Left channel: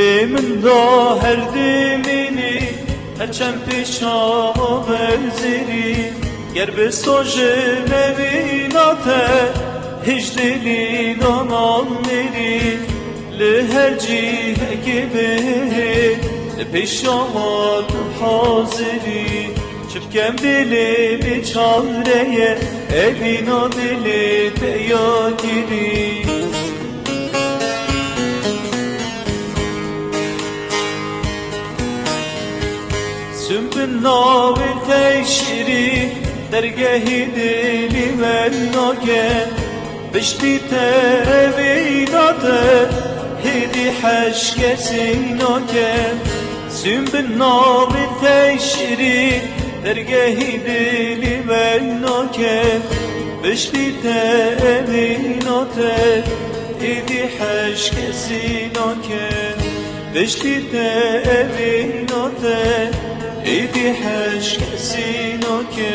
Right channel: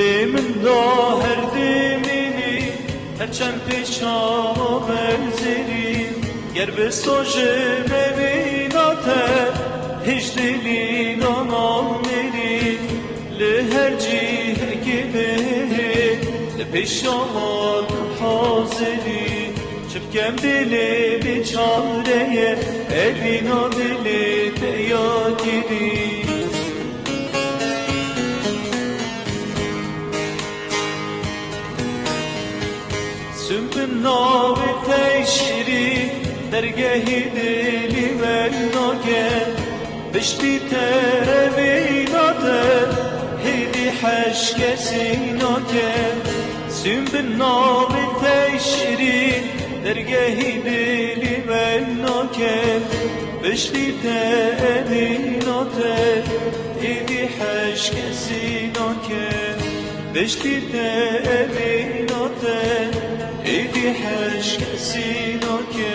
Dilimin da her dilini Heçen pişama benzeri Ger bir soje mevinate Hiclini donalleri Li her cihe gibi Pişama haziri Çirken dili bir çareye Evin o dili teya gibi Sümbül navi teşri dergehi dili velloke Bişbite evinade hidi haşkesin loke Sümbül navi teşri dergehi dili velloke Bişbite evinade hidi haşkesin loke Bişbite evinade İdi her şeysin o ki